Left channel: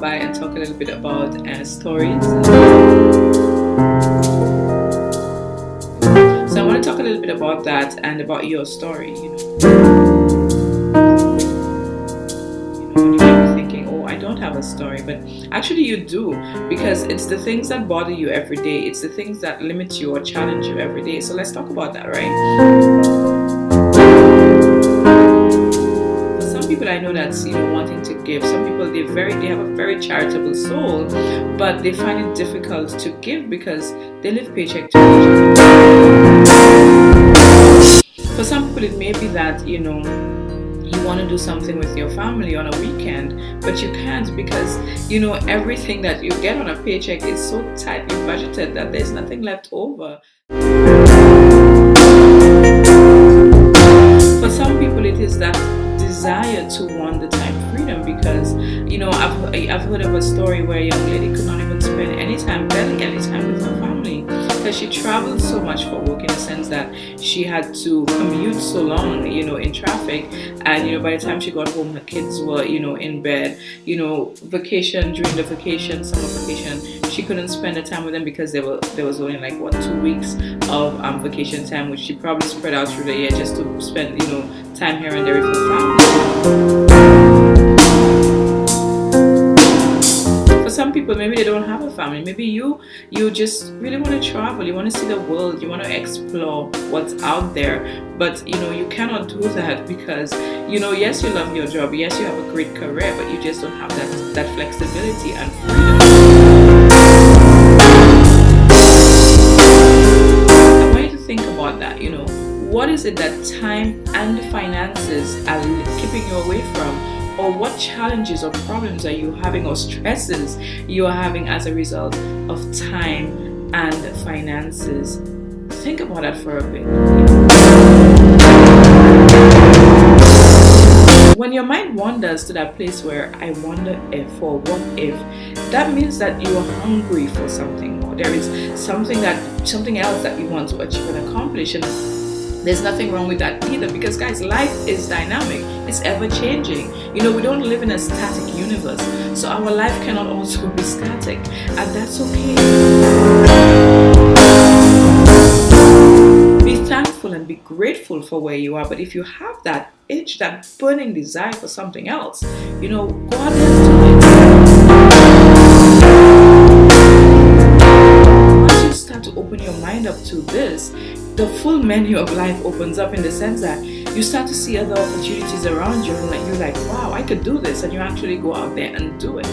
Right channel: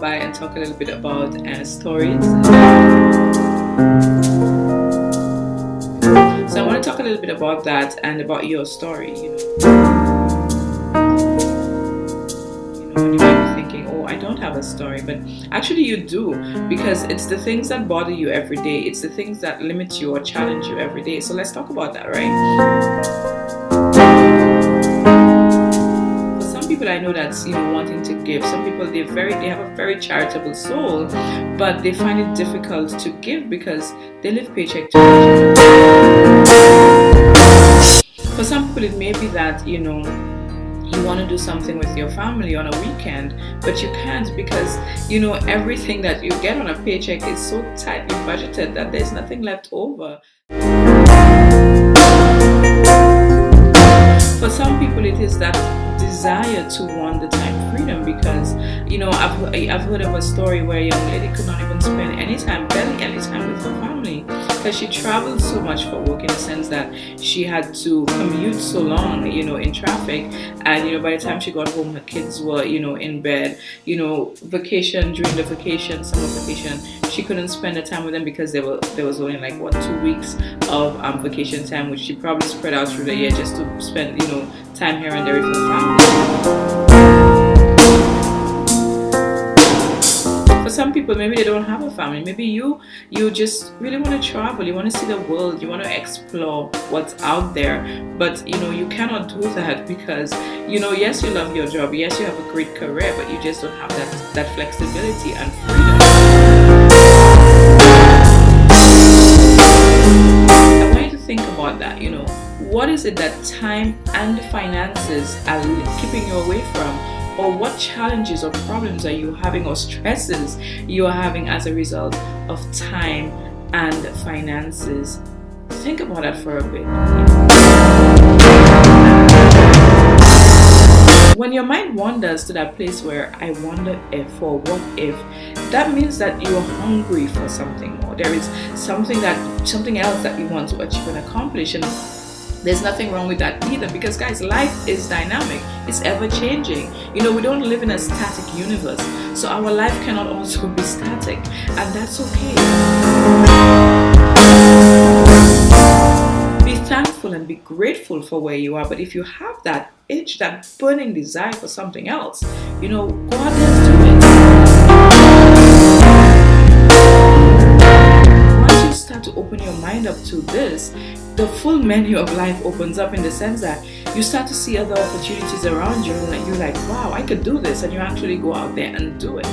come by and talk a little bit about stories. So I want to talk a little bit about that and about your story. And you might be thinking, oh, I don't have a story, but actually you do, because it's the things that bother you every day. It's the things that limit you or challenge you every day. So let's talk about that, right? People I know that's wanting to give. Some people they have a very charitable soul, but they find it difficult to give because they live paycheck to paycheck. For some people it may be that you want to do something with your family on a weekend, but you can't because everything that you get on a paycheck is so tightly budgeted that there's nothing left over. For some people it is that desire to want the time freedom because I've heard of a story where a young lady could not even spend barely any time with her family because she traveled so much for work, in the sense that she had to commute so long in traffic, and by the time she got home her kids were in bed. Vacation, during the vacation, summer vacation, she couldn't spend the time with them because there was only 2 weeks of vacation time, which she probably spread out through the year just to spend time here and there with her family. For some people, maybe they don't have a family. Maybe you just really want to travel. You want to see the world. You want to explore what's out there. But you cannot do that because yes, you love your job. Yes, you have a great career, but you just don't have that flexibility and freedom. I want you to think about that. What is it that time and finances are keeping you away from? Or what challenges or problems are you having, or stresses you are having as a result of time and finances? Think about that for a bit. When your mind wanders to that place where I wonder if or what if, that means that you are hungry for something more. There is something else that you want to achieve and accomplish, and there's nothing wrong with that either, because guys, life is dynamic. It's ever changing. We don't live in a static universe, so our life cannot also be static, and that's okay. Be thankful and be grateful for where you are, but if you have that itch, that burning desire for something else, go out there and do it. Once you start to open your mind up to this, the full menu of life opens up, in the sense that you start to see other opportunities around you, and you're like, wow, I could do this, and you actually go out there and do it.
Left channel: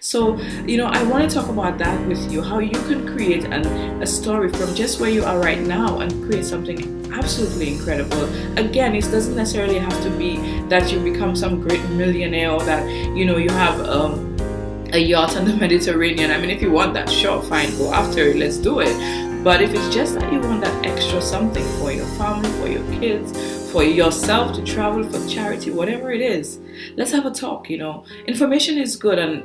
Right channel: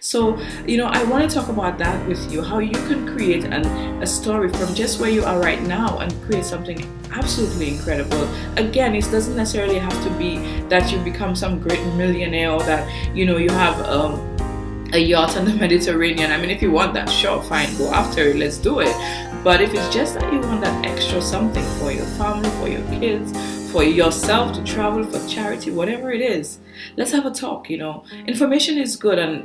So, I want to talk about that with you, how you can create a story from just where you are right now and create something absolutely incredible. Again, it doesn't necessarily have to be that you become some great millionaire, or that, you have a yacht on the Mediterranean. I mean, if you want that, sure, fine, go after it, let's do it. But if it's just that you want that extra something for your family, for your kids, for yourself, to travel, for charity, whatever it is, let's have a talk. Information is good, and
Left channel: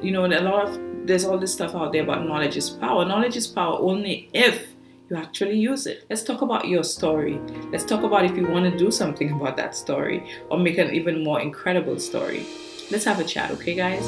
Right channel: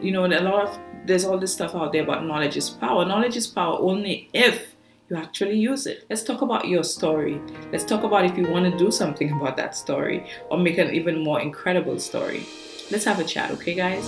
there's all this stuff out there about knowledge is power. Knowledge is power only if you actually use it. Let's talk about your story. Let's talk about if you want to do something about that story, or make an even more incredible story. Let's have a chat, okay, guys?